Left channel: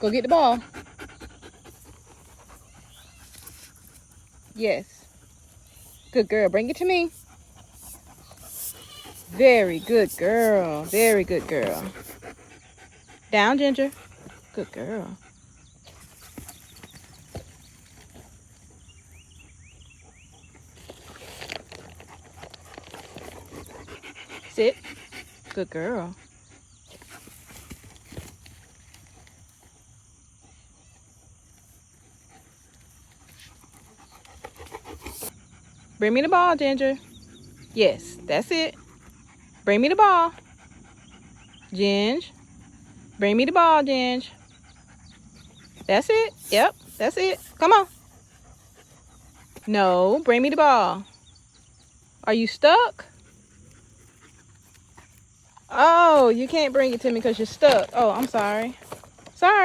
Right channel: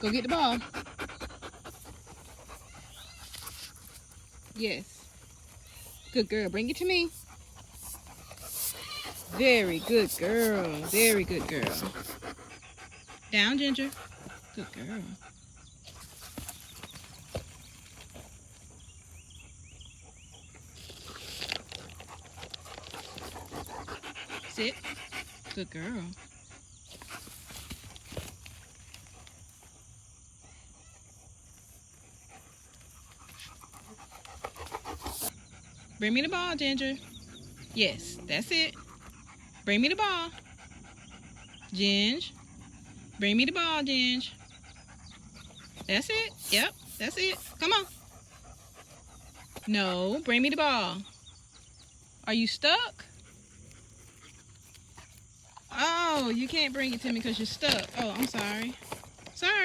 Go get the ball. Yes. Good girl. Bring it to me. Very good girl. Very good girl. Down, Ginger. Good girl. Sit. Good girl. Bring me the ball, Ginger. Yes, that's it. Bring me the ball. Ginge. Bring me the ball, Ginge. That's it. Yep, that's it. Come on. No, bring me the ball. Are you stuck? Oh, you can't bring it to me because you're stuck. Oh, I'm sorry. Sorry.